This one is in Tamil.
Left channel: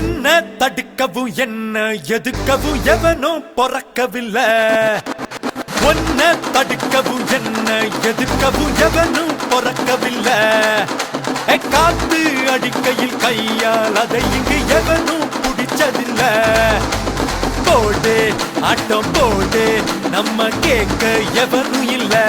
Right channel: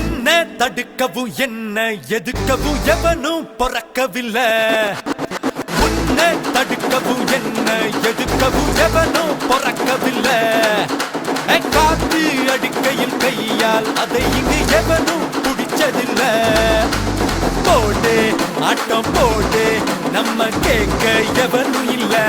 உன்னை தடுக்கவும் என்ன எதுக்கவும் எவனும் பொறக்கவில்லை. உன்னை தடுக்கவும் என்ன எதுக்கவும் எவனும் பொறக்கவில்லை. காத்து அடிக்கையில் கையால் அதை இங்கு எவனும் பிடிச்சதில்லை. போடு ஆட்டம் போடு நம்ம கேட்க எவனும் இல்லை.